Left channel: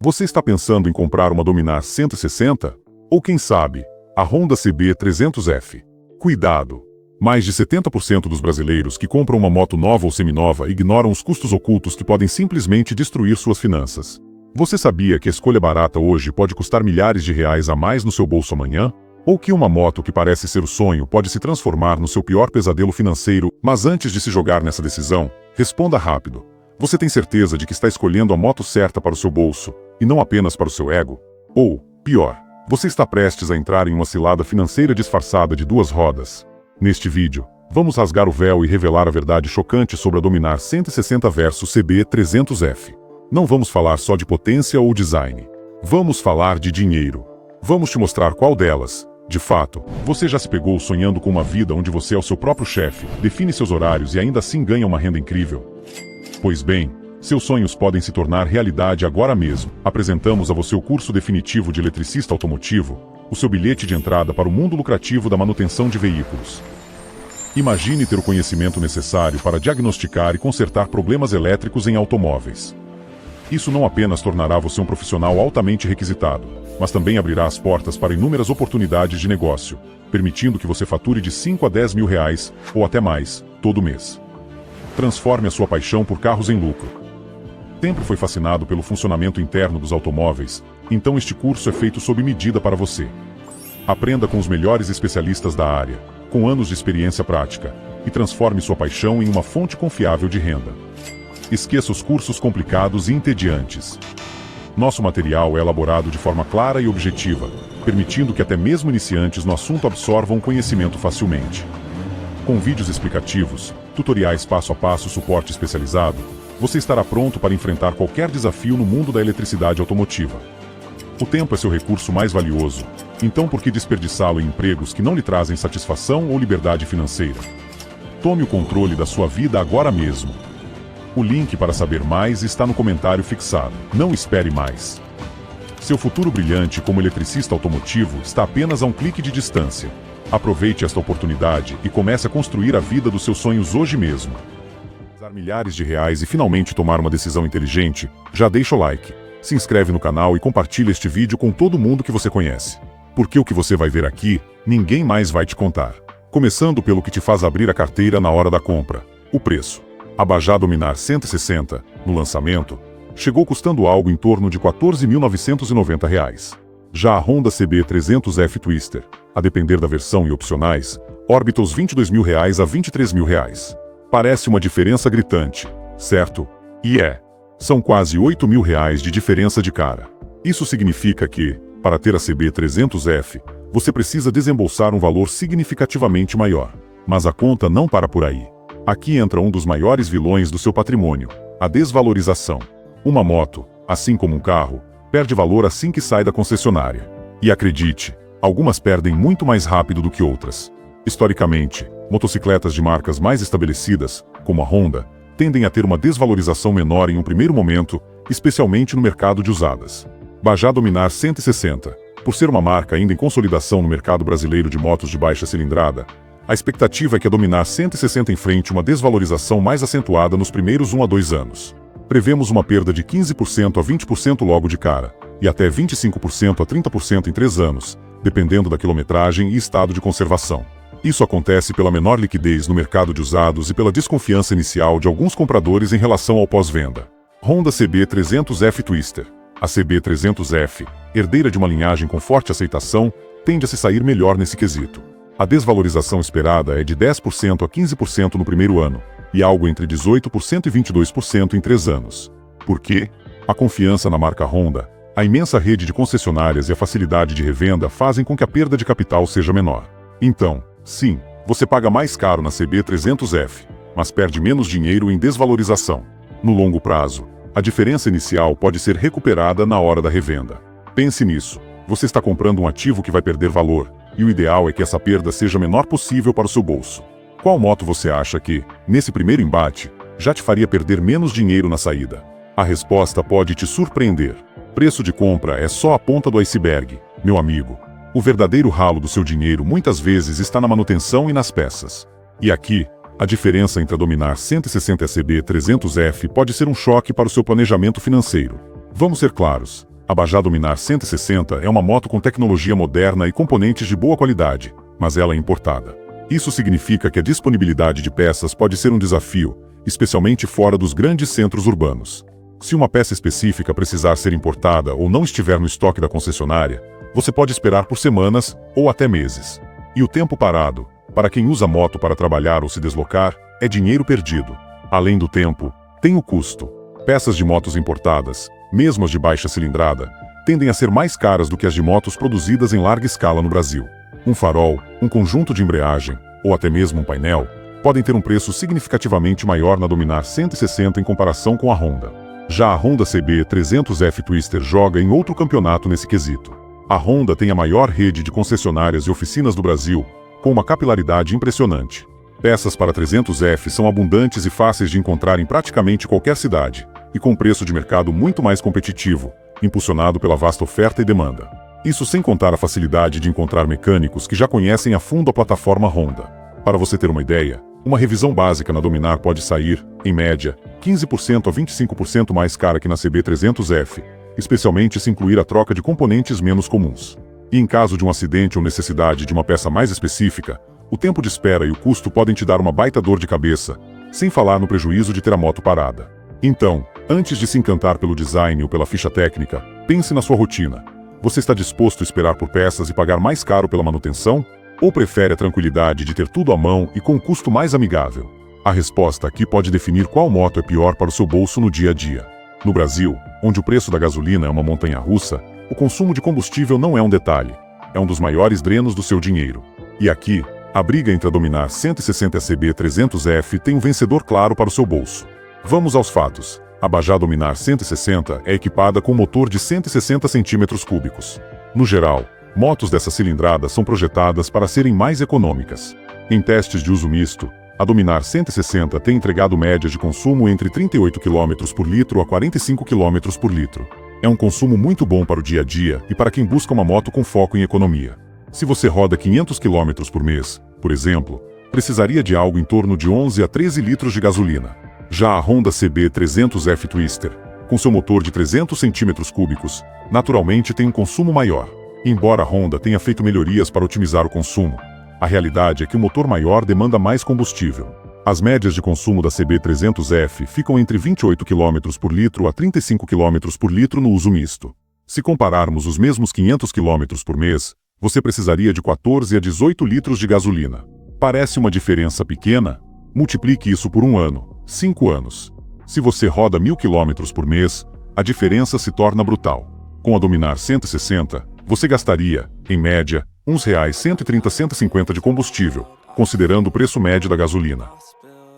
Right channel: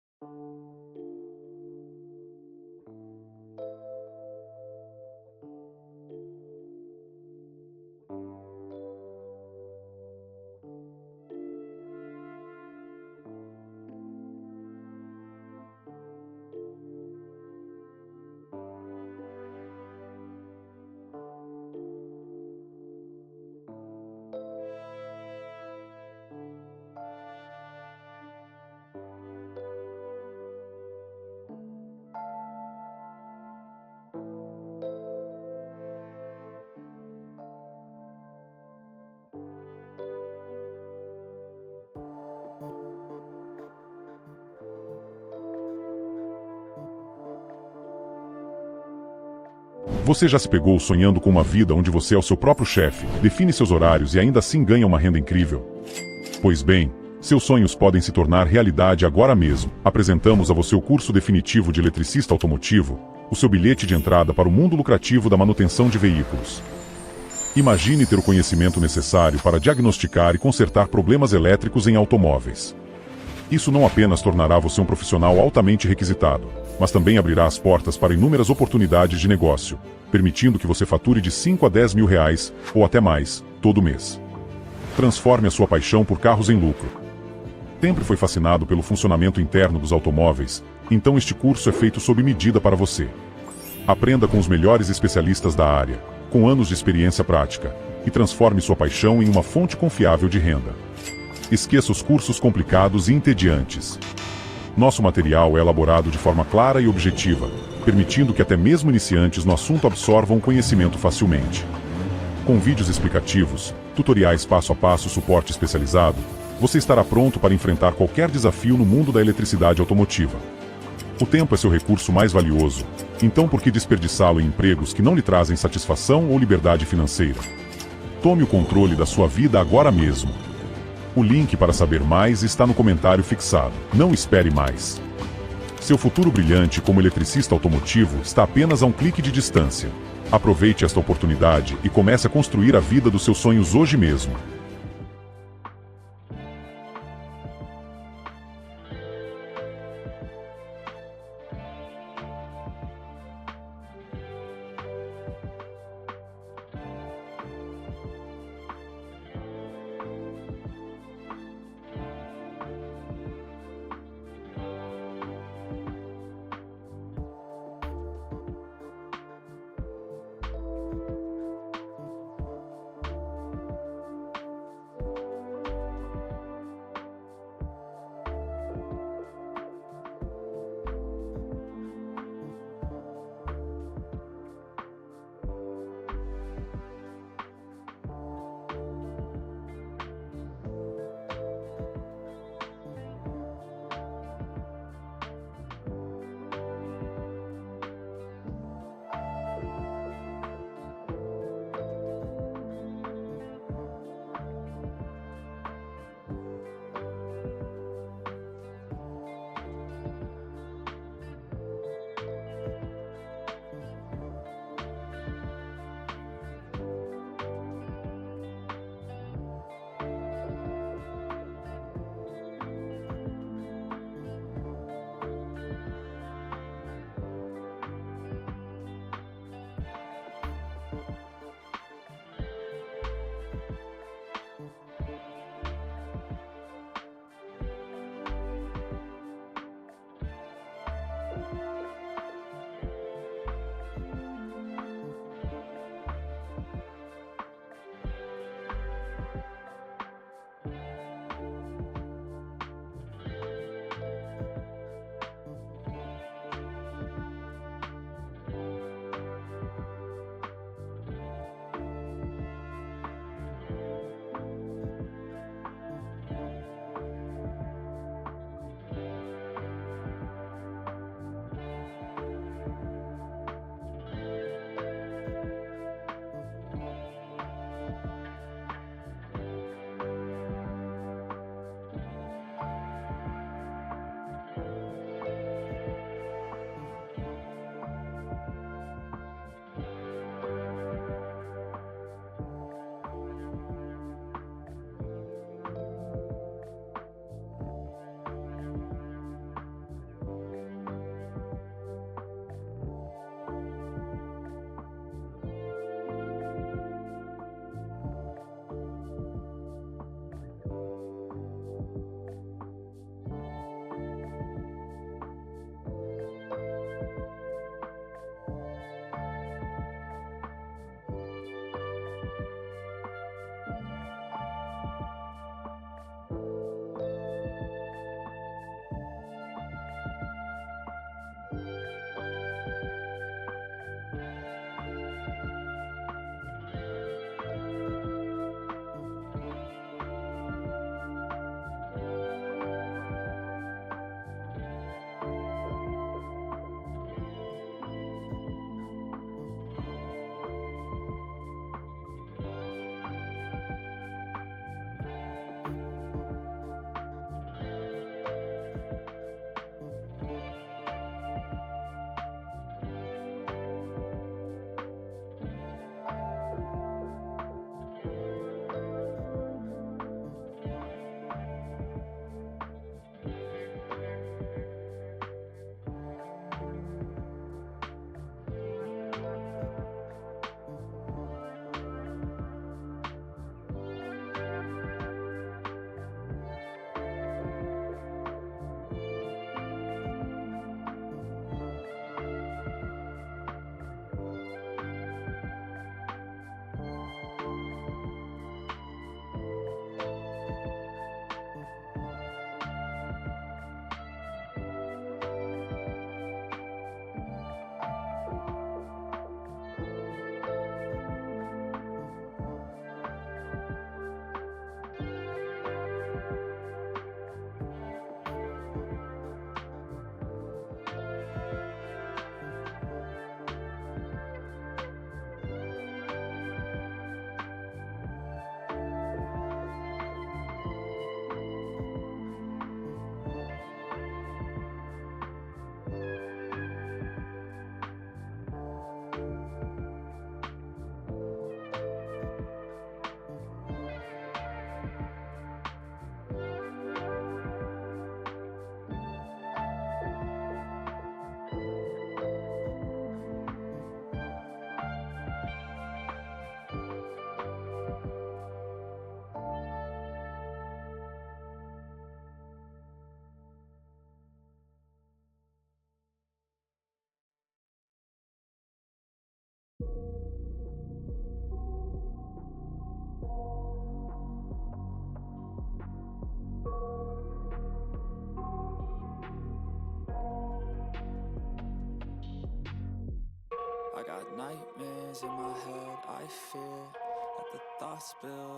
Você está pensando em comprar uma Dominar 160? Ou quem sabe, a Honda CB300F? Cuidado! Mais de 70% dos brasileiros que compram uma moto nova ou seminova ignoram os custos ocultos que podem simplesmente destruir suas finanças. Você sabia que a escolha barata hoje pode custar milhares de reais a mais no seu bolso amanhã? Ou que uma moto que parece ser o sonho pode se transformar no seu pior pesadelo financeiro? Mas antes de se jogar nessa decisão, responda rápido. Você tem certeza de que está escolhendo a moto certa para o seu bolso, e não apenas para o seu ego? Ou, pior, você está prestes a entrar em uma cilada financeira disfarçada de duas rodas? Neste vídeo, vamos rasgar o véu e revelar a verdade chocante sobre a Dominar 160 versus CB300F. Não vamos falar só de potência ou design. Vamos falar de dinheiro. Vamos te mostrar qual delas, de fato. Você já se pegou sonhando com uma vida onde você é o seu próprio chefe, define seus horários e ainda assim ganha uma renda incrível? Pois bem, seus sonhos podem se tornar realidade agora mesmo. Apresentamos a você o curso definitivo de eletricista automotivo, o seu bilhete de entrada para o mundo lucrativo da manutenção de veículos. Imagine ter o conhecimento necessário para diagnosticar e consertar problemas elétricos em automóveis. Isso não apenas tornará você um profissional altamente requisitado, mas também abrirá as portas para inúmeras oportunidades de negócio, permitindo que você fature de 5 a 10 mil reais, ou até mais, todo mês. Transforme a sua paixão por carros em lucro. Sempre foi fascinado pelo funcionamento interno dos automóveis, então este curso é feito sob medida para você. Aprenda com os melhores especialistas da área, com anos de experiência prática, e transforme sua paixão em uma fonte confiável de renda. Esqueça os cursos complicados e entediantes. Nosso material é elaborado de forma clara e objetiva, permitindo que até mesmo iniciantes no assunto absorvam o conhecimento facilmente. Com vídeos explicativos, tutoriais passo a passo, suporte especializado, você estará pronto para enfrentar qualquer desafio no mundo da eletricidade automotiva. O tempo é seu recurso mais valioso, então por que desperdiçá-lo em empregos que não lhe trazem satisfação ou liberdade financeira? Tome o controle da sua vida agora mesmo. O link para saber mais está no comentário fixado. Não espere mais. Seu futuro brilhante como eletricista automotivo está apenas a um clique de distância. Aproveite esta oportunidade e comece a construir a vida dos seus sonhos hoje mesmo. Usar milhares de reais e finalmente tomar uma decisão inteligente? Já deixa o like, se inscreve no canal e compartilha este vídeo com todo mundo que você conhece. Porque o que você vai ver aqui, ninguém mais vai te contar. Começando pelo que te faz abrir a carteira na hora da compra: o preço. A Bajaj Dominar 160, no lançamento, chegou custando algo em torno de R$ 14.990. Já a Honda CB300F Twister, a depender da versão e opcionais, orbita os R$ 22.000 a R$ 23.000. Parece uma diferença gritante, certo? E é. São quase R$ 8.000 de diferença de cara. Isso significa que, para ter a CB300F, você precisa desembolsar um valor significativamente maior. Mas a conta não para por aí. Aqui entra um dos maiores vilões do seu patrimônio: a desvalorização. Uma moto, assim como um carro, perde valor assim que sai da concessionária. E acredite, algumas perdem muito mais rápido do que outras. Historicamente, motocicletas de marcas mais estabelecidas, como a Honda, tendem a ter uma desvalorização menor em um primeiro momento, especialmente no mercado de usadas. Bajaj Dominar 160, por ser uma marca ainda em consolidação no mercado brasileiro de motos de baixa cilindrada, a expectativa é que a Dominar 160 enfrente uma desvalorização mais acentuada nos primeiros 1 a 2 anos. Prevemos uma perda de 15% a 20% logo de cara, e até 25% a 30% em 3 anos, dependendo da quilometragem e estado de conservação. Isso acontece pela menor liquidez no mercado de usados e pela desconfiança inicial de alguns compradores em relação ao pós-venda. Honda CB300F Twister. A CB300F, herdeira de uma linhagem com forte aceitação, tende a se sair melhor nesse quesito. A desvalorização esperada é de 10% a 15% no primeiro ano, e algo entre 18% e 22% em 3 anos. Por quê? A confiança na marca Honda, a imensa rede de concessionárias e a facilidade de revenda fazem com que a perda de capital seja menor. Então, sim, você paga mais caro na CB300F, mas perde menos dinheiro em desvalorização. No longo prazo, a diferença inicial pode ser recuperada na hora da revenda. Pense nisso. Você está comprando um ativo que vai perder valor, e o ideal é que essa perda seja a menor possível para o seu bolso. Qual moto você acha que, nesse primeiro embate, já te faria perder menos dinheiro na saída? A resposta pode te surpreender. Preço de compra é só a ponta do iceberg, meu amigo. O verdadeiro ralo do seu dinheiro muitas vezes está na manutenção e nas peças. E aqui, a diferença entre a Dominar 160 e a CB300F pode ser um choque para o seu planejamento financeiro. Vamos ser claros, A Bajaj Dominar 160 é uma moto com tecnologia moderna e componentes de boa qualidade, mas ela é importada. Isso significa que a disponibilidade de peças pode ser um desafio, especialmente fora dos grandes centros urbanos. Se uma peça específica precisar ser importada ou não estiver no estoque da concessionária, você pode esperar por semanas ou até meses. E o tempo parado, para quem usa moto para trabalhar ou se deslocar, é dinheiro perdido. Além do tempo, tem o custo. Peças de motos importadas, mesmo as de baixa cilindrada, tendem a ser mais caras do que as de motos produzidas em larga escala no Brasil. Um farol, um conjunto de embreagem, ou até mesmo um painel, podem ter um preço significativamente maior na Dominar 160 em comparação com a Honda. Já a Honda CB 300F Twister joga em outro campeonato nesse quesito. A Honda tem a maior rede de concessionárias e oficinas do Brasil, com uma capilaridade impressionante. Peças para 300F são abundantes e fáceis de encontrar em praticamente qualquer cidade, e com preço de mercado muito mais competitivo, impulsionado pela vasta oferta e demanda. Isso sem contar a facilidade de encontrar mecânicos que já conhecem a fundo a plataforma Honda. Para você ter uma ideia, uma revisão básica na Dominar pode sair, em média, 15% a 25% mais cara que na CB 300F, especialmente se incluir a troca de componentes menos comuns. E em caso de um acidente ou necessidade de uma peça mais específica, o tempo de espera e o custo podem te dar uma baita dor de cabeça, sem falar no prejuízo de ter a moto parada. Então, antes de se encantar pelo design ou pela ficha técnica, pense na sua rotina. Você está disposto a esperar por peças e pagar mais caro pela manutenção? Ou prefere a tranquilidade de ter tudo à mão e com um custo mais amigável? A resposta aqui pode definir qual moto é pior para o seu bolso no dia a dia. No Brasil, onde o preço da gasolina é uma montanha-russa, o consumo de combustível não é um detalhe. É um dos maiores drenos do seu dinheiro. E aqui, a briga entre a Dominar 160 e a CB 300F tem um vencedor claro para o seu bolso. Vamos aos fatos. A Bajaj Dominar 160 é equipada com um motor de 160 cm3. No geral, motos dessa cilindrada são projetadas para serem mais econômicas. Em testes de uso misto, a Dominar 160 tem entregado médias de consumo entre 38 km por litro a 45 km por litro. É um consumo muito bom para o dia a dia e para quem busca uma moto com foco em economia. Se você roda 500 km por mês, por exemplo, precisaria de algo em torno de 11 a 13 litros de gasolina. Já a Honda CB 300F Twister, com seu motor de 300 cm3, naturalmente tem um consumo maior. Embora a Honda tenha feito melhorias para otimizar o consumo, a realidade é que o motor maior demanda mais combustível. As médias de consumo da CB 300F ficam entre 28 km por litro a 35 km por litro no uso misto. Se compararmos os mesmos 500 km por mês, você precisaria de 14 a 18 litros de gasolina. Parece uma diferença pequena? Multiplique isso por um ano, 5 anos. Se você roda 1000 km por mês, a diferença se torna brutal. Com a Dominar 160, você gastaria, em média, uns R$130-150 de combustível, considerando o preço médio da gasolina.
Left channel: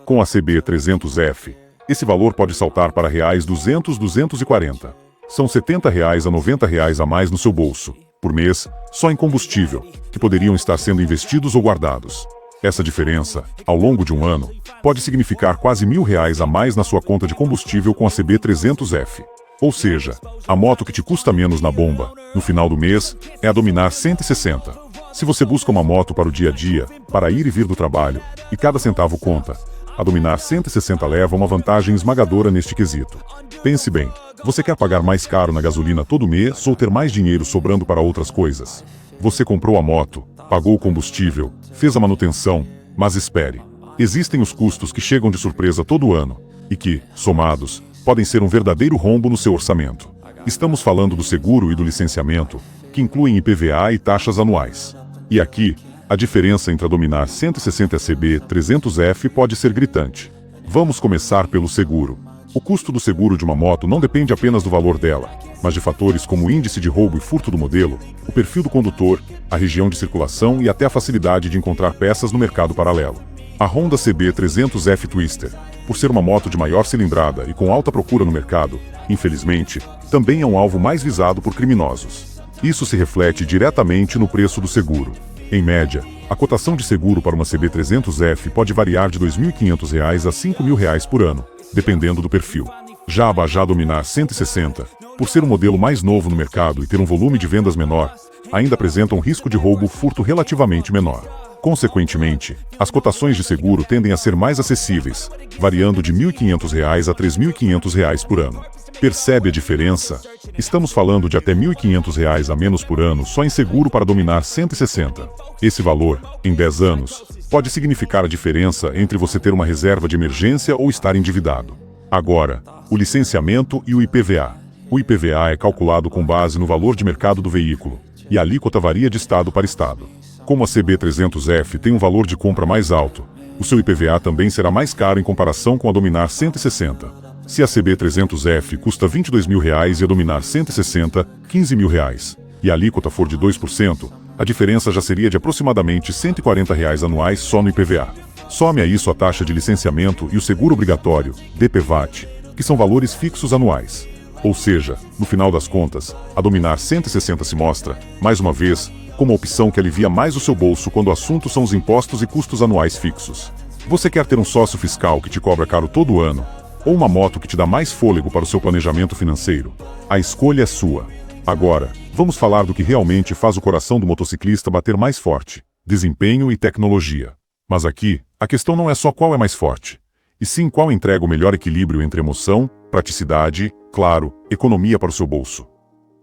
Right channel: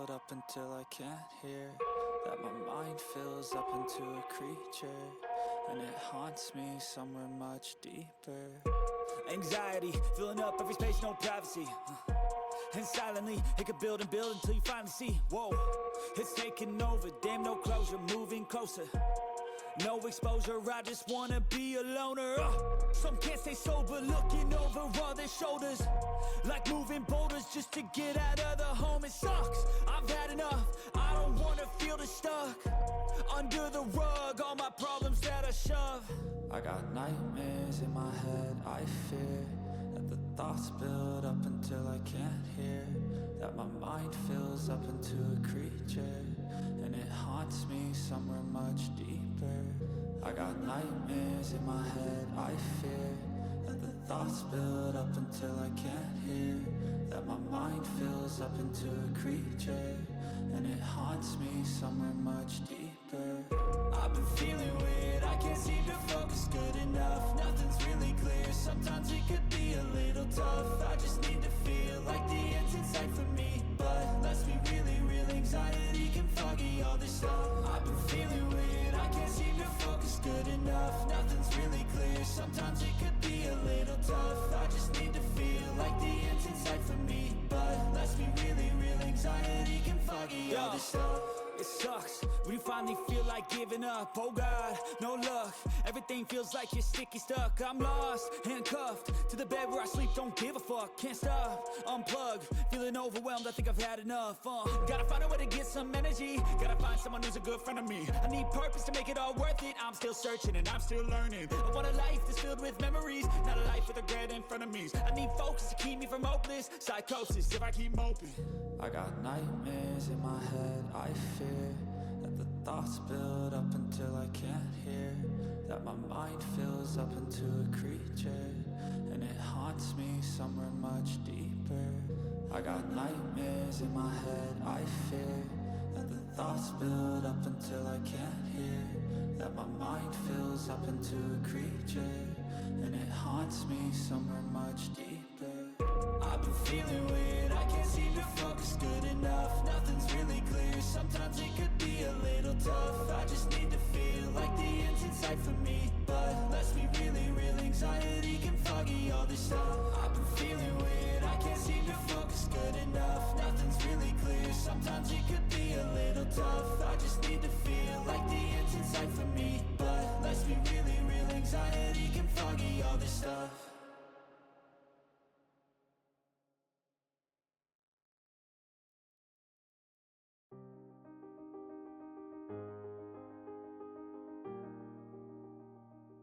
Com a CB 300F, esse valor pode saltar para R$200-240. São R$70 a R$90 a mais no seu bolso, por mês, só em combustível, que poderiam estar sendo investidos ou guardados. Essa diferença, ao longo de um ano, pode significar quase R$1.000 a mais na sua conta de combustível com a CB 300F. Ou seja, a moto que te custa menos na bomba, no final do mês, é a Dominar 160. Se você busca uma moto para o dia a dia, para ir e vir do trabalho, e cada centavo conta, a Dominar 160 leva uma vantagem esmagadora neste quesito. Pense bem, você quer pagar mais caro na gasolina todo mês ou ter mais dinheiro sobrando para outras coisas? Você comprou a moto, pagou o combustível, fez a manutenção, mas espere. Existem os custos que chegam de surpresa todo ano, e que, somados, podem ser um verdadeiro rombo no seu orçamento. Estamos falando do seguro e do licenciamento, que incluem IPVA e taxas anuais. E aqui, a diferença entre a Dominar 160 e a CB 300F pode ser gritante. Vamos começar pelo seguro. O custo do seguro de uma moto não depende apenas do valor dela, mas de fatores como o índice de roubo e furto do modelo, o perfil do condutor, a região de circulação e até a facilidade de encontrar peças no mercado paralelo. A Honda CB 300F Twister, por ser uma moto de maior cilindrada e com alta procura no mercado, infelizmente, também é um alvo mais visado por criminosos. Isso se reflete diretamente no preço do seguro. Em média, a cotação de seguro para uma CB 300F pode variar de R$2.500 a R$5.000 por ano, dependendo do perfil. Já a Bajaj Dominar 160, por ser um modelo mais novo no mercado e ter um volume de vendas menor, ainda apresenta um risco de roubo ou furto relativamente menor. Consequentemente, as cotações de seguro tendem a ser mais acessíveis, variando de R$ 1.500 a R$ 3.500 por ano. Percebe a diferença? Estamos falando de até R$ 1.500 a menos por ano só em seguro para Dominar 160. Esse valor, em 10 anos, pode significar a diferença entre você ter uma reserva de emergência ou estar endividado. Agora, o licenciamento e o IPVA. O IPVA é calculado com base no valor de mercado do veículo, e a alíquota varia de estado para estado. Como a CB300F tem um valor de compra mais alto, o seu IPVA também será mais caro em comparação com a Dominar 160. Se a CB300F custa R$ 22.000 e a Dominar 160, R$ 15.000, e a alíquota for de 2%, a diferença já seria de aproximadamente R$ 140 anuais só no IPVA. Some a isso a taxa de licenciamento e o seguro obrigatório, DPVAT, que são valores fixos anuais. Ou seja, no final das contas, a Dominar 160 se mostra, mais uma vez, como a opção que alivia mais o seu bolso quando o assunto são os impostos e custos anuais fixos. Você quer ter um sócio fiscal que te cobra caro todo ano, ou uma moto que te dá mais fôlego para o seu planejamento financeiro? A escolha é sua. Agora, vamos falar do que realmente faz o coração do motociclista bater mais forte: desempenho e tecnologia. Mas aqui, a questão não é só qual é mais forte, e sim qual entrega o melhor equilíbrio entre emoção, praticidade, claro, economia para o seu bolso.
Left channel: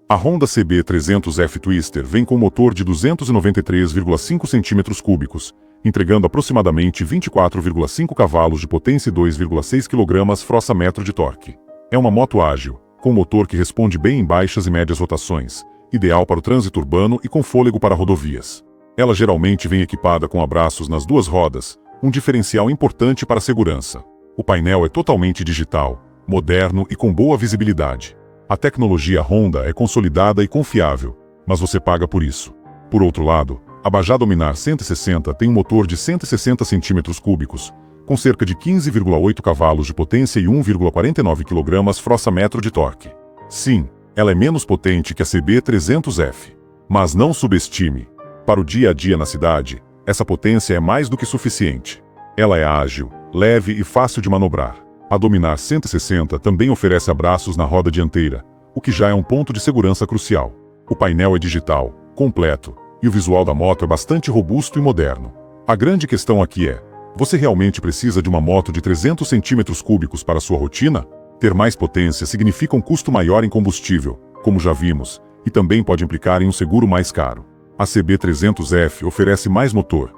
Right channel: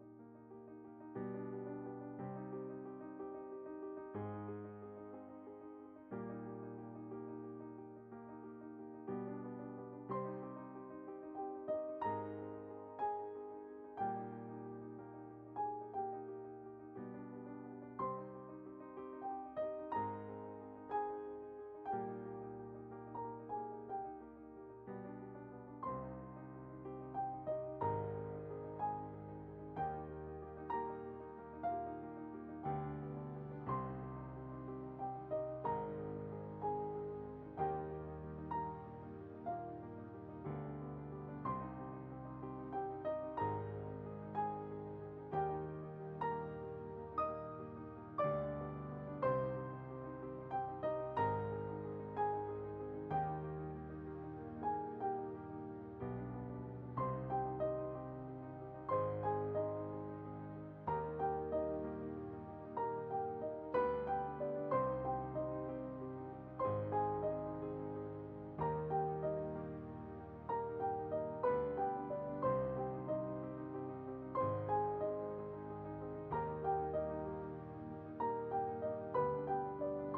A Honda CB300F Twister vem com um motor de 293,5 cm3, entregando aproximadamente 24,5 cavalos de potência e 2,6 kgfm de torque. É uma moto ágil, com motor que responde bem em baixas e médias rotações, ideal para o trânsito urbano e com fôlego para rodovias. Ela geralmente vem equipada com abraços nas duas rodas, um diferencial importante para a segurança. O painel é totalmente digital, moderno e com boa visibilidade. A tecnologia Honda é consolidada e confiável, mas você paga por isso. Por outro lado, a Bajaj Dominar 160 tem um motor de 160 cm3, com cerca de 15,8 cavalos de potência e 1,49 kgfm de torque. Sim, ela é menos potente que a CB300F. Mas não subestime. Para o dia a dia na cidade, essa potência é mais do que suficiente. Ela é ágil, leve e fácil de manobrar. A Dominar 160 também oferece abraços na roda dianteira, o que já é um ponto de segurança crucial. O painel é digital, completo, e o visual da moto é bastante robusto e moderno. A grande questão aqui é: você realmente precisa de uma moto de 300 cm3 para sua rotina? Ter mais potência significa um custo maior em combustível, como já vimos, e também pode implicar em um seguro mais caro. A CB300F oferece mais motor,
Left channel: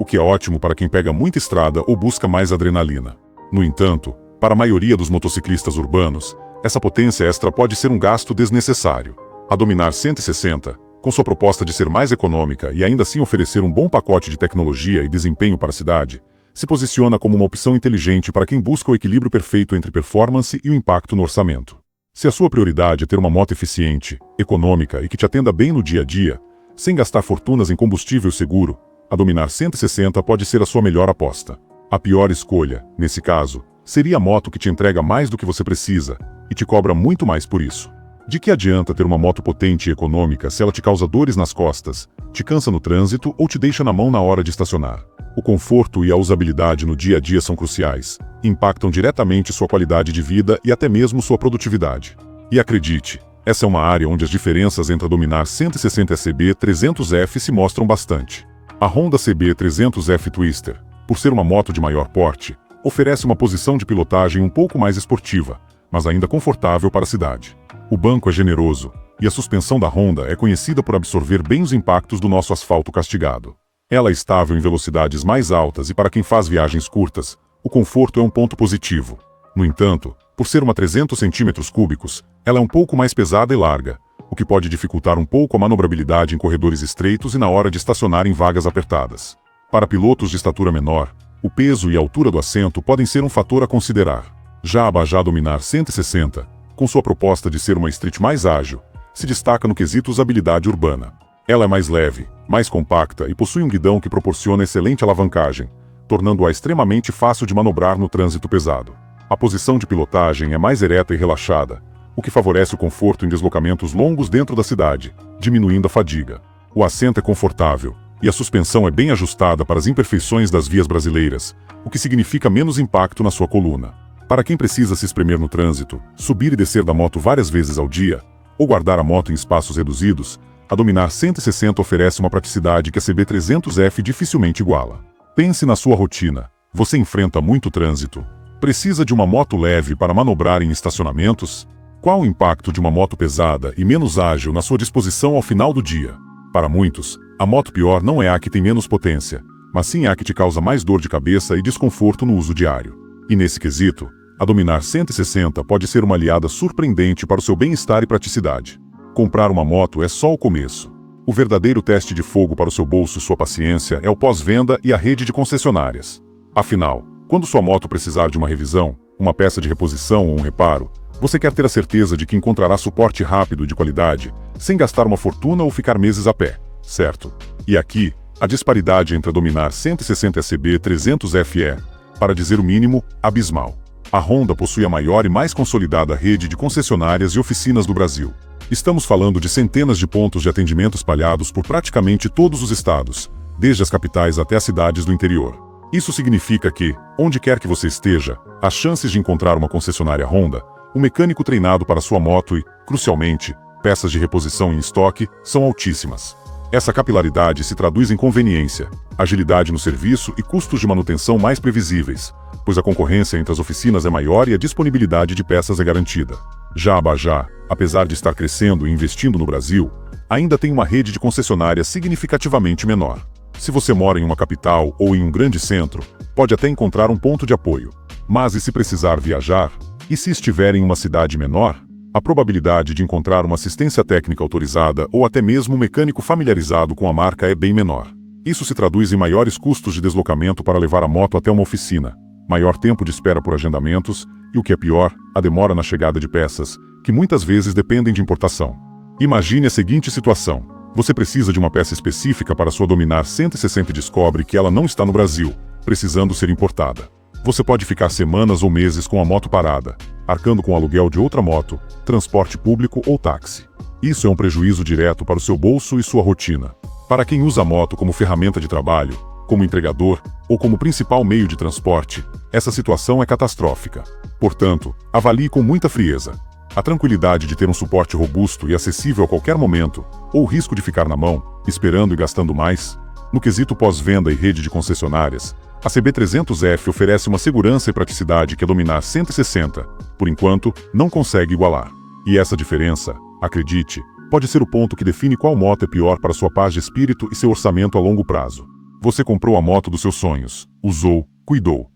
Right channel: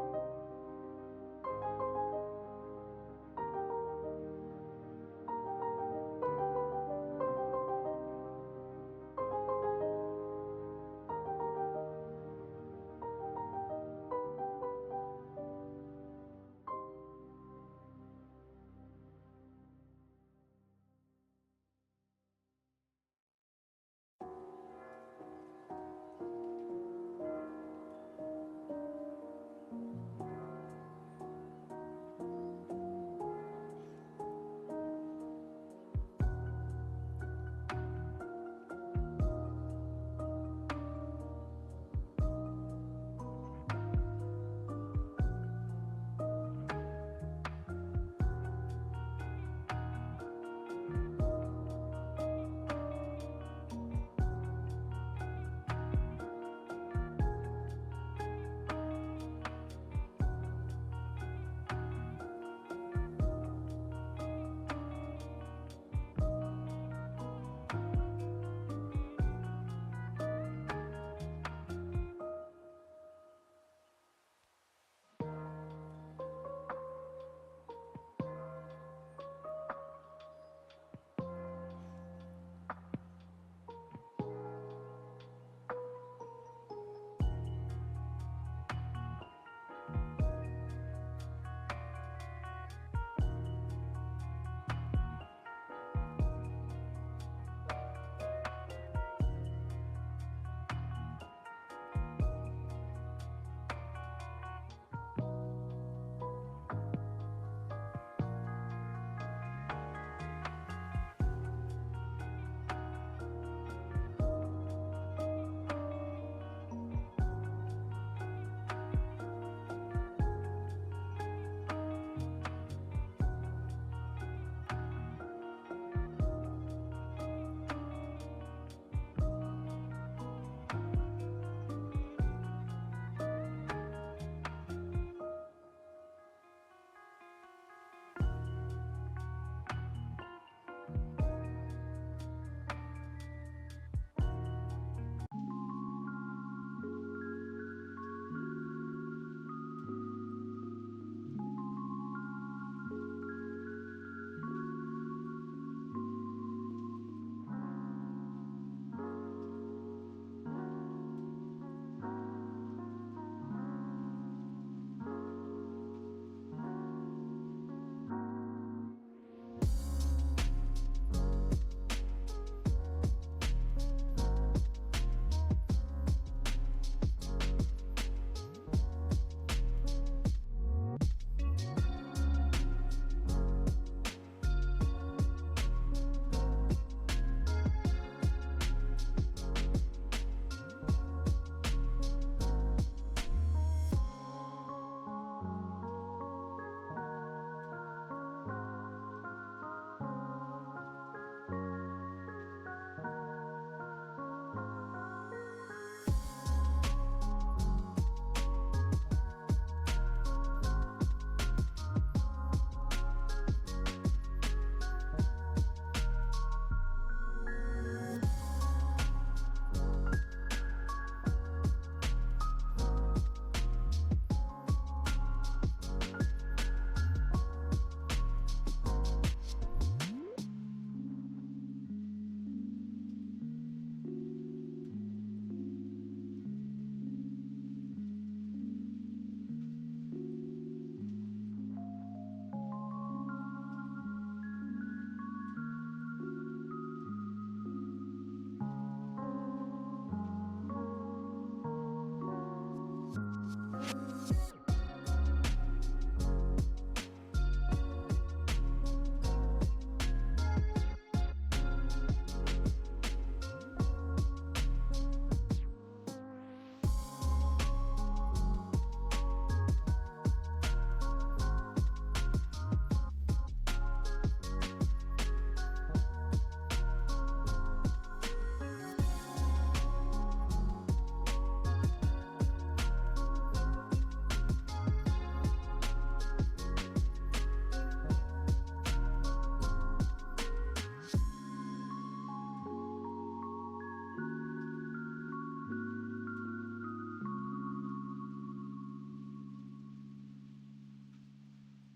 o que é ótimo para quem pega muita estrada ou busca mais adrenalina. No entanto, para a maioria dos motociclistas urbanos, essa potência extra pode ser um gasto desnecessário. A Dominar 160, com sua proposta de ser mais econômica e ainda assim oferecer um bom pacote de tecnologia e desempenho para a cidade, se posiciona como uma opção inteligente para quem busca o equilíbrio perfeito entre performance e o impacto no orçamento. Se a sua prioridade é ter uma moto eficiente, econômica e que te atenda bem no dia a dia, sem gastar fortunas em combustível seguro, a Dominar 160 pode ser a sua melhor aposta. A pior escolha, nesse caso, seria a moto que te entrega mais do que você precisa e te cobra muito mais por isso. De que adianta ter uma moto potente e econômica se ela te causa dores nas costas, te cansa no trânsito ou te deixa na mão na hora de estacionar? O conforto e a usabilidade no dia a dia são cruciais, impactam diretamente sua qualidade de vida e até mesmo sua produtividade. E acredite, essa é uma área onde as diferenças entre a Dominar 160 e a CB300F se mostram bastante. A Honda CB300F Twister, por ser uma moto de maior porte, oferece uma posição de pilotagem um pouco mais esportiva, mas ainda confortável para a cidade. O banco é generoso, e a suspensão da Honda é conhecida por absorver bem os impactos do nosso asfalto castigado. Ela é estável em velocidades mais altas e para quem faz viagens curtas, o conforto é um ponto positivo. No entanto, por ser uma 300 cm3, ela é um pouco mais pesada e larga, o que pode dificultar um pouco a manobrabilidade em corredores estreitos e na hora de estacionar em vagas apertadas. Para pilotos de estatura menor, o peso e a altura do assento podem ser um fator a considerar. Já a Bajaj Dominar 160, com sua proposta de ser uma street mais ágil, se destaca no quesito usabilidade urbana. Ela é mais leve, mais compacta e possui um guidão que proporciona excelente alavancagem, tornando-a extremamente fácil de manobrar no trânsito pesado. A posição de pilotagem é mais ereta e relaxada, o que favorece o conforto em deslocamentos longos dentro da cidade, diminuindo a fadiga. O assento é confortável, e a suspensão é bem ajustada para as imperfeições das vias brasileiras, o que significa menos impacto na sua coluna. Para quem precisa se espremer no trânsito, subir e descer da moto várias vezes ao dia, ou guardar a moto em espaços reduzidos, a Dominar 160 oferece uma praticidade que a CB300F dificilmente iguala. Pense na sua rotina. Você enfrenta muito trânsito. Precisa de uma moto leve para manobrar em estacionamentos? Qual o impacto de uma moto pesada e menos ágil na sua disposição ao final do dia? Para muitos, a moto pior não é a que tem menos potência, mas sim a que te causa mais dor de cabeça e desconforto no uso diário. E nesse quesito, a Dominar 160 pode ser uma aliada surpreendente para o seu bem-estar e praticidade. Comprar uma moto é só o começo. O verdadeiro teste de fogo para o seu bolso e sua paciência é o pós-venda e a rede de concessionárias. Afinal, quando sua moto precisar de uma revisão, uma peça de reposição ou um reparo, você quer ter a certeza de que encontrará suporte rápido e de qualidade, sem gastar uma fortuna ou ficar meses a pé, certo? E aqui, a disparidade entre a Dominar 160 e a CB300F é, para dizer o mínimo, abismal. A Honda possui a maior e mais consolidada rede de concessionárias e oficinas do Brasil. Estamos falando de centenas de pontos de atendimento espalhados por praticamente todos os estados, desde as capitais até as cidades do interior. Isso significa que, onde quer que você esteja, as chances de encontrar uma concessionária Honda, um mecânico treinado para sua moto e, crucialmente, peças de reposição em estoque, são altíssimas. Essa capilaridade se traduz em conveniência, agilidade no serviço e custos de manutenção mais previsíveis, pois a concorrência entre as oficinas é maior e a disponibilidade de peças é garantida. Já a Bajaj, apesar de estar crescendo e investindo no Brasil, ainda tem uma rede de concessionárias significativamente menor. Se você mora em uma capital ou em um grande centro, pode até encontrar um ponto de apoio. Mas e se precisar viajar? E se estiver em uma cidade menor? A probabilidade de encontrar uma assistência técnica autorizada ou até mesmo um mecânico familiarizado com a marca é bem menor. Isso se traduz em maiores custos de deslocamento para levar a moto até uma oficina, maior tempo de espera por agendamentos e, o que é pior, a demora na chegada de peças, que muitas vezes dependem de importação. Imagine a seguinte situação. Você precisa de uma peça específica para sua Dominar 160 e descobre que ela não está no Brasil, precisando ser importada. Você pode ficar semanas ou meses com a moto parada, arcando com o aluguel de outra moto, transporte público ou táxi. Isso é um prejuízo direto para o seu bolso e sua rotina. Para quem usa a moto como ferramenta de trabalho, como entregador ou como principal meio de transporte, essa situação é catastrófica. Portanto, avalie com muita frieza. A tranquilidade de ter um suporte robusto e acessível a qualquer momento, ou o risco de ficar na mão, esperando e gastando mais. No quesito pós-venda e rede de concessionárias, a CB300F oferece uma segurança e praticidade que a Dominar 160, por enquanto, não consegue igualar. E essa diferença, acredite, pode ser o ponto que define qual moto é pior para sua paz de espírito e seu orçamento a longo prazo. Você comprou a moto dos seus sonhos, usou, cuidou.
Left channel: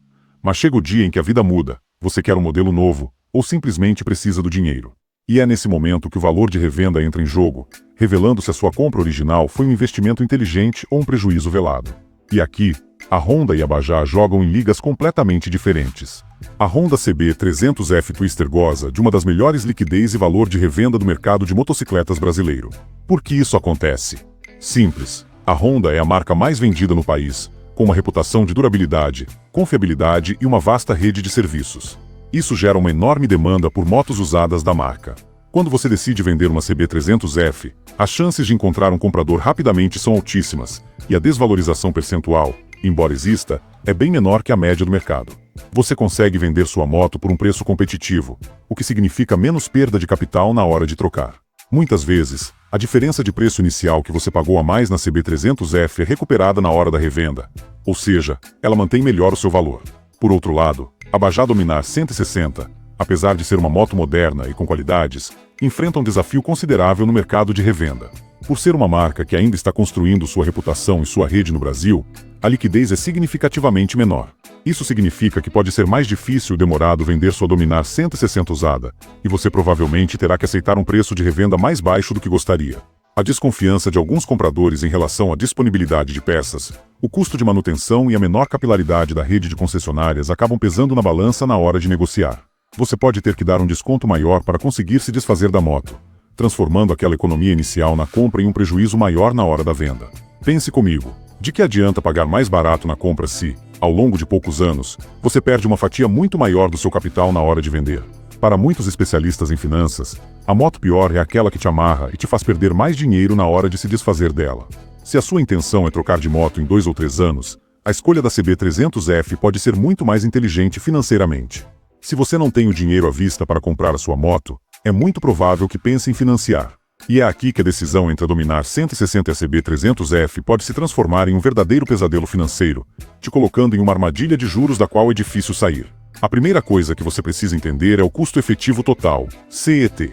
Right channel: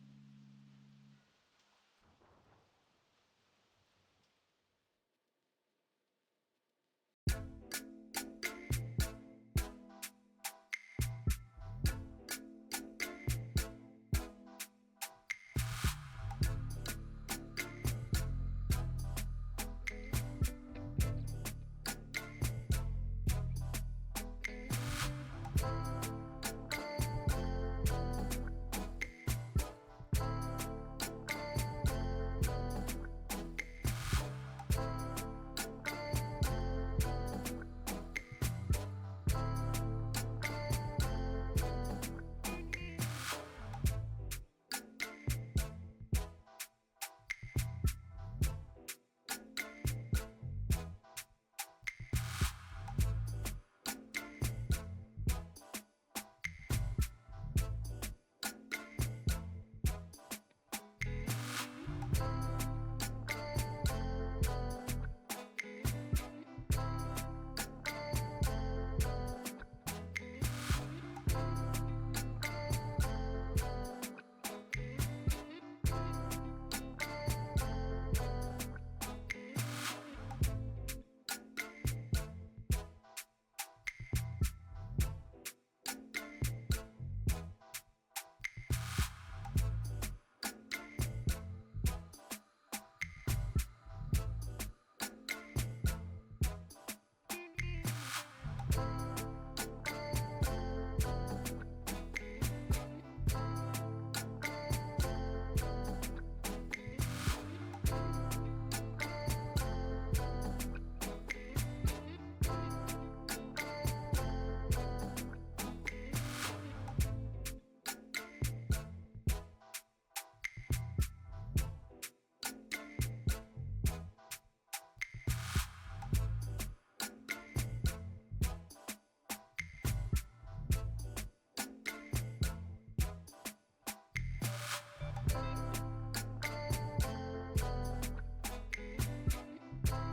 Mas chega o dia em que a vida muda, você quer um modelo novo, ou simplesmente precisa do dinheiro. E é nesse momento que o valor de revenda entra em jogo, revelando se a sua compra original foi um investimento inteligente ou um prejuízo velado. E aqui, a Honda e a Bajaj jogam em ligas completamente diferentes. A Honda CB300F Twister goza de uma das melhores liquidez e valor de revenda do mercado de motocicletas brasileiro. Por que isso acontece? Simples. A Honda é a marca mais vendida no país, com uma reputação de durabilidade, confiabilidade e uma vasta rede de serviços. Isso gera uma enorme demanda por motos usadas da marca. Quando você decide vender uma CB300F, as chances de encontrar um comprador rapidamente são altíssimas, e a desvalorização percentual, embora exista, é bem menor que a média do mercado. Você consegue vender sua moto por um preço competitivo, o que significa menos perda de capital na hora de trocar. Muitas vezes, a diferença de preço inicial que você pagou a mais na CB300F é recuperada na hora da revenda, ou seja, ela mantém melhor o seu valor. Por outro lado, a Bajaj Dominar 160, apesar de ser uma moto moderna e com qualidades, enfrenta um desafio considerável no mercado de revenda. Por ser uma marca que ainda está construindo sua reputação e sua rede no Brasil, a liquidez é significativamente menor. Isso significa que pode ser mais difícil e demorado vender sua Dominar 160 usada, e você provavelmente terá que aceitar um preço de revenda mais baixo do que gostaria. A desconfiança de alguns compradores em relação à disponibilidade de peças, o custo de manutenção e a menor capilaridade da rede de concessionárias acabam pesando na balança na hora de negociar. Você pode ter que dar um desconto maior para conseguir se desfazer da moto, transformando aquela economia inicial na compra em um prejuízo maior na hora da venda. Pense comigo, de que adianta pagar mais barato na compra se, ao longo de poucos anos, você perde uma fatia muito maior do seu capital na hora de vender? Para muitos especialistas em finanças, a moto pior é aquela que te amarra e te faz perder mais dinheiro na hora de se desfazer dela. Se a sua intenção é trocar de moto em 2 ou 3 anos, a escolha da CB300F pode ser muito mais inteligente financeiramente. Se você não tem o dinheiro à vista para comprar a sua moto, é muito provável que pense em financiar. E é aqui que a decisão entre a Dominar 160 e a CB300F pode se transformar em um verdadeiro pesadelo financeiro, te colocando em uma armadilha de juros da qual é difícil sair. A primeira coisa que você precisa entender é o custo efetivo total, CET.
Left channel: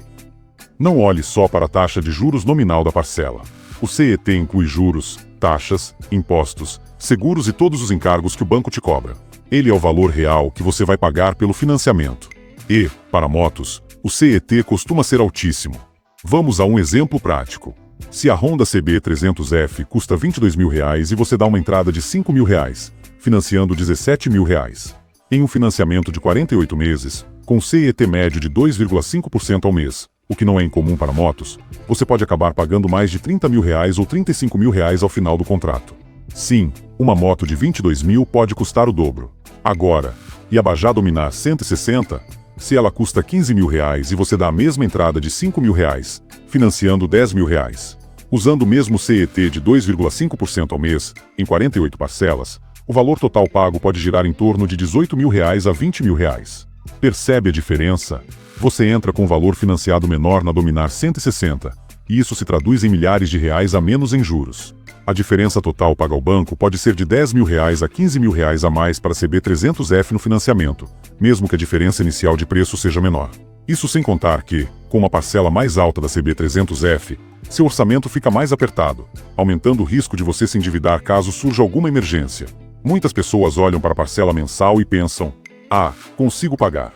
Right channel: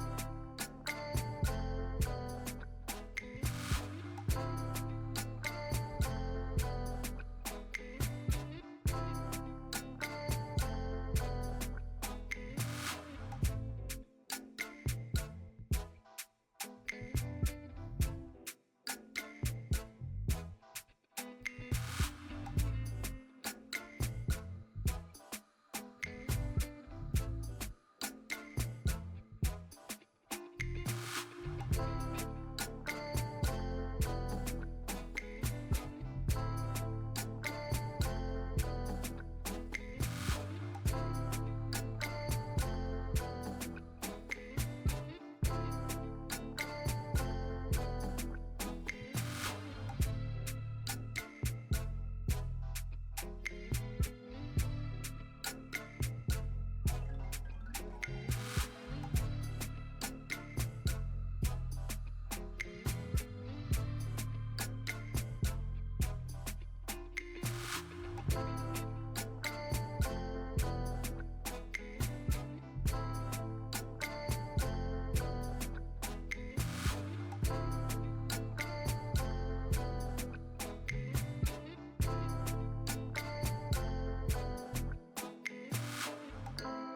Não olhe só para a taxa de juros nominal da parcela. O CET inclui juros, taxas, impostos, seguros e todos os encargos que o banco te cobra. Ele é o valor real que você vai pagar pelo financiamento. E, para motos, o CET costuma ser altíssimo. Vamos a um exemplo prático. Se a Honda CB300F custa R$22.000 e você dá uma entrada de R$5.000, financiando R$17.000. Em um financiamento de 48 meses, com CET médio de 2,5% ao mês, o que não é incomum para motos, você pode acabar pagando mais de R$30.000 ou R$35.000 ao final do contrato. Sim, uma moto de 22 mil pode custar o dobro. Agora, e a Bajaj Dominar 160? Se ela custa R$15.000 e você dá a mesma entrada de R$5.000, financiando R$10.000. Usando o mesmo CET de 2,5% ao mês, em 48 parcelas, o valor total pago pode girar em torno de R$18.000 a R$20.000. Percebe a diferença? Você entra com um valor financiado menor na Dominar 160, e isso se traduz em milhares de reais a menos em juros. A diferença total paga ao banco pode ser de R$10.000 a R$15.000 a mais para a CB300F no financiamento, mesmo que a diferença inicial de preço seja menor. Isso sem contar que, com uma parcela mais alta da CB300F, seu orçamento fica mais apertado, aumentando o risco de você se endividar caso surja alguma emergência. Muitas pessoas olham para a parcela mensal e pensam: "Ah, consigo pagar."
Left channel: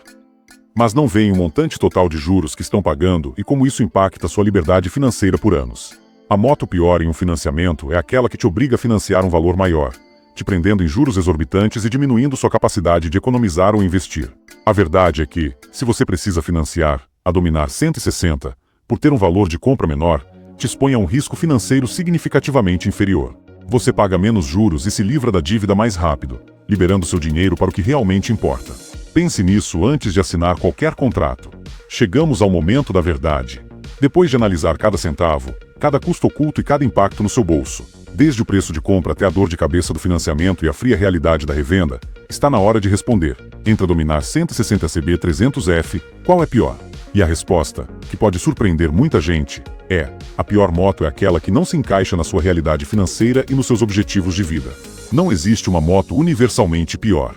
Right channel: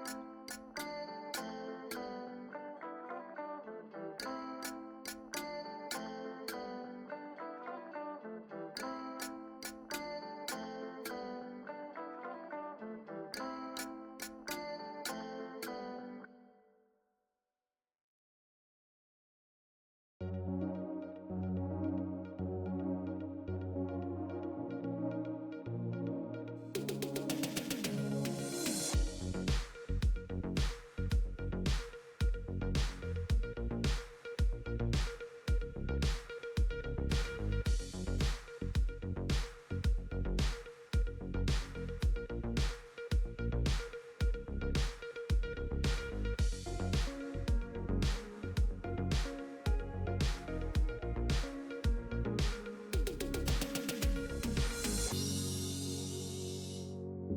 Mas não veem o montante total de juros que estão pagando e como isso impacta sua liberdade financeira por anos. A moto pior em um financiamento é aquela que te obriga a financiar um valor maior, te prendendo em juros exorbitantes e diminuindo sua capacidade de economizar ou investir. A verdade é que, se você precisa financiar, a Dominar 160, por ter um valor de compra menor, te expõe a um risco financeiro significativamente inferior. Você paga menos juros e se livra da dívida mais rápido, liberando seu dinheiro para o que realmente importa. Pense nisso antes de assinar qualquer contrato. Chegamos ao momento da verdade. Depois de analisar cada centavo, cada custo oculto e cada impacto no seu bolso, desde o preço de compra até a dor de cabeça do financiamento e a fria realidade da revenda, está na hora de responder. Entre a Dominar 160 CB300F, qual é pior? E a resposta, que pode surpreender muita gente, é: a pior moto é aquela que não se encaixa na sua realidade financeira e nos seus objetivos de vida. Não existe uma moto universalmente pior.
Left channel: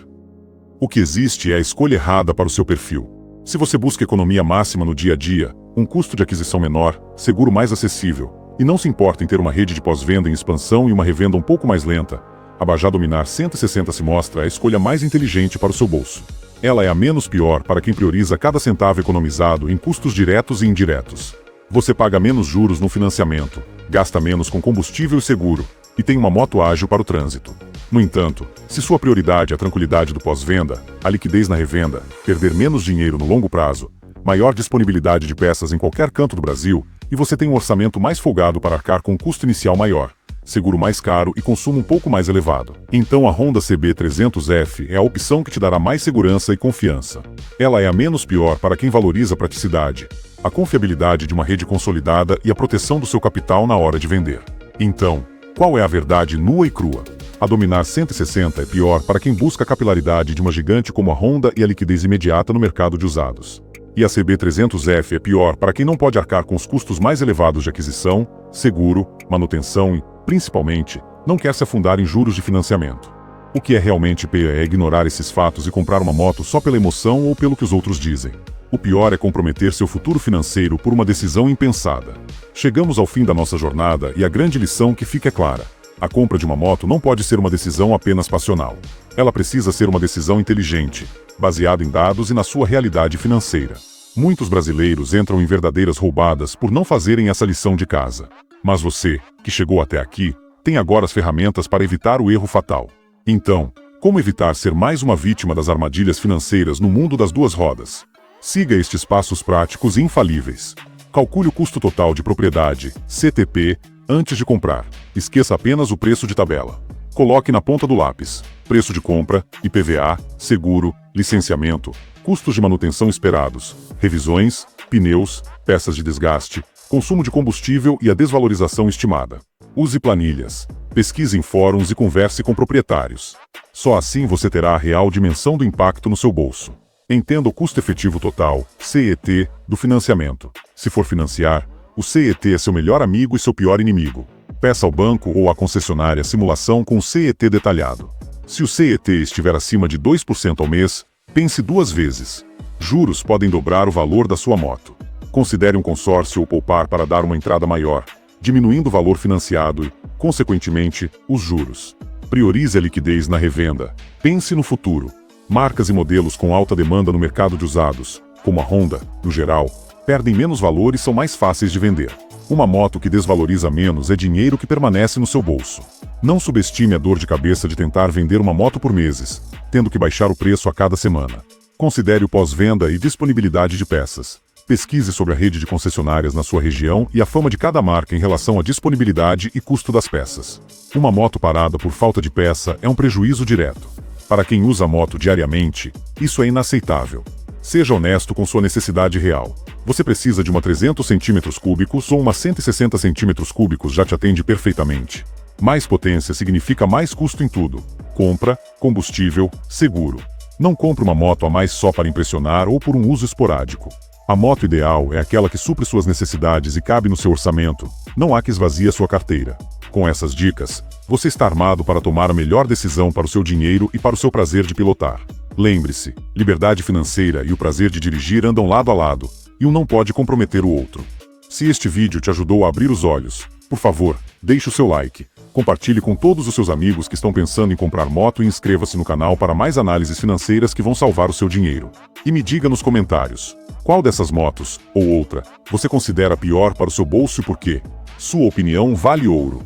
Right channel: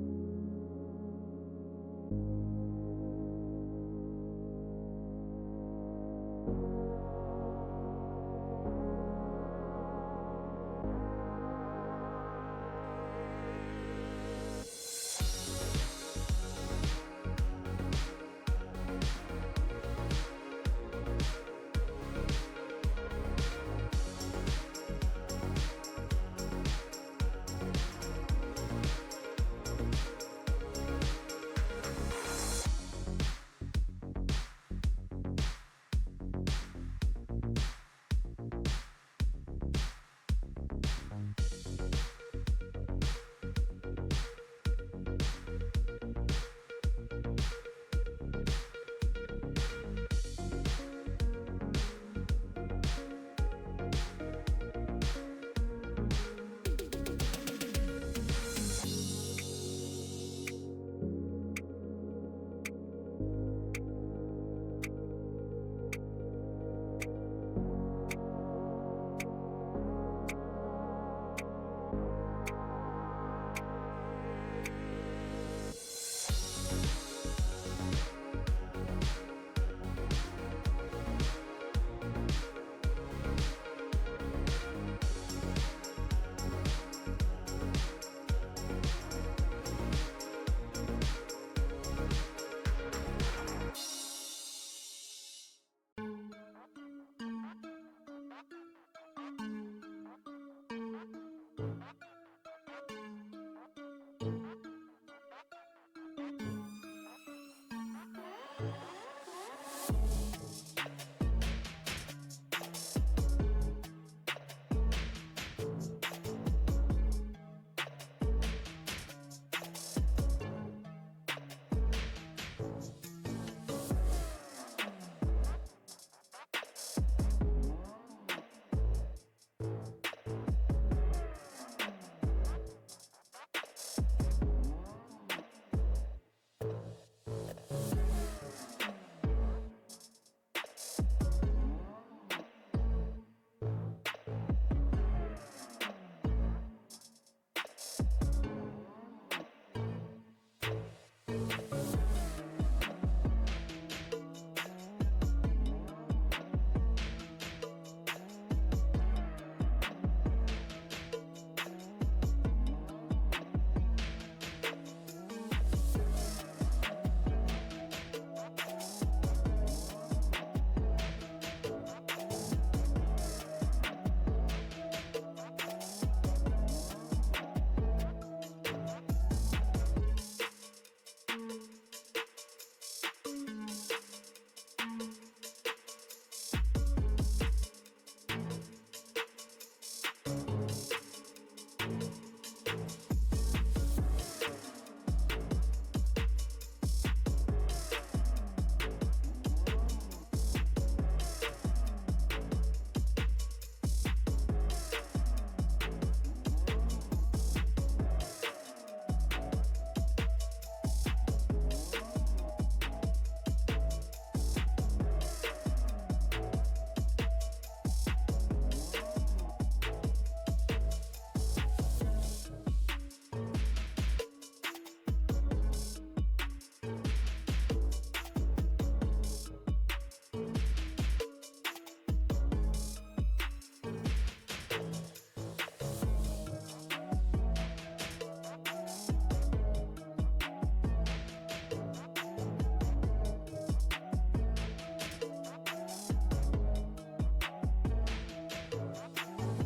O que existe é a escolha errada para o seu perfil. Se você busca economia máxima no dia a dia, um custo de aquisição menor, seguro mais acessível, e não se importa em ter uma rede de pós-venda em expansão e uma revenda um pouco mais lenta, a Bajaj Dominar 160 se mostra a escolha mais inteligente para o seu bolso. Ela é a menos pior para quem prioriza cada centavo economizado em custos diretos e indiretos. Você paga menos juros no financiamento, gasta menos com combustível e seguro, e tem uma moto ágil para o trânsito. No entanto, se sua prioridade é a tranquilidade do pós-venda, a liquidez na revenda, perder menos dinheiro no longo prazo, maior disponibilidade de peças em qualquer canto do Brasil, e você tem um orçamento mais folgado para arcar com um custo inicial maior, seguro mais caro e consumo um pouco mais elevado, então a Honda CB300F é a opção que te dará mais segurança e confiança. Ela é a menos pior para quem valoriza a praticidade, a confiabilidade de uma rede consolidada e a proteção do seu capital na hora de vender. Então, qual é a verdade nua e crua? A Dominar 160 é pior para quem busca a capilaridade de uma gigante como a Honda e a liquidez imediata no mercado de usados. E a CB300F é pior para quem não pode arcar com os custos mais elevados de aquisição, seguro, manutenção e, principalmente, não quer se afundar em juros de financiamento. O que é realmente pior é ignorar esses fatos e comprar uma moto só pela emoção ou pelo que os outros dizem. O pior é comprometer seu futuro financeiro por uma decisão impensada. Chegamos ao fim da nossa jornada e a grande lição que fica é clara. A compra de uma moto não pode ser uma decisão apenas passional. Ela precisa ser uma decisão inteligente, baseada em dados e na sua realidade financeira. Muitos brasileiros entram em verdadeiras roubadas por não fazerem essa lição de casa. Mas você, que chegou até aqui, tem agora as ferramentas para evitar o erro fatal. Então, como evitar ser mais uma vítima das armadilhas financeiras no mundo das duas rodas? Siga estes passos práticos e infalíveis. Calcule o custo total de propriedade, CTP, antes de comprar. Esqueça apenas o preço de tabela. Coloque na ponta do lápis: preço de compra, IPVA, seguro, licenciamento, custos de manutenção esperados, revisões, pneus, peças de desgaste, consumo de combustível e a desvalorização estimada. Use planilhas, pesquise em fóruns e converse com proprietários. Só assim você terá a real dimensão do impacto no seu bolso. Entenda o custo efetivo total, CET, do financiamento. Se for financiar, o CET é seu melhor amigo e seu pior inimigo. Peça ao banco ou à concessionária simulação com o CET detalhado. Se o CET estiver acima de 2% ao mês, pense duas vezes. Juros podem dobrar o valor da sua moto. Considere um consórcio ou poupar para dar uma entrada maior, diminuindo o valor financiado e, consequentemente, os juros. Priorize a liquidez na revenda. Pense no futuro. Marcas e modelos com alta demanda no mercado de usados, como a Honda, no geral, perdem menos valor e são mais fáceis de vender. Uma moto que desvaloriza menos é dinheiro que permanece no seu bolso. Não subestime a dor de cabeça de tentar vender uma moto por meses, tendo que baixar o preço a cada semana. Considere o pós-venda e disponibilidade de peças. Pesquise sobre a rede de concessionárias na sua região e a fama de cada marca em relação à disponibilidade e custo das peças. Uma moto parada por falta de peça é um prejuízo direto. Para quem usa a moto diariamente, isso é inaceitável. Seja honesto com sua necessidade real. Você precisa de uma 300 cm3 ou uma 160 cm3 já te atende perfeitamente. Mais potência significa mais custo em tudo. Compra, combustível, seguro. Não compre uma moto a mais só para impressionar ou por um uso esporádico. A moto ideal é aquela que supre suas necessidades e cabe no seu orçamento. Não há que esvazie a sua carteira. Com essas dicas, você está armado para tomar a melhor decisão para o seu dinheiro e para o seu prazer de pilotar. Lembre-se, liberdade financeira e o prazer de dirigir andam lado a lado, e um não pode comprometer o outro. Se este vídeo te ajudou a abrir os olhos, por favor, deixe o seu like, compartilhe com todos os seus amigos que estão pensando em comprar moto e inscreva-se no canal para mais análises financeiras que vão salvar o seu dinheiro. E me diga nos comentários, qual dessas motos, ou outra, você considera pior para o seu bolso e por quê? Sua opinião vale ouro.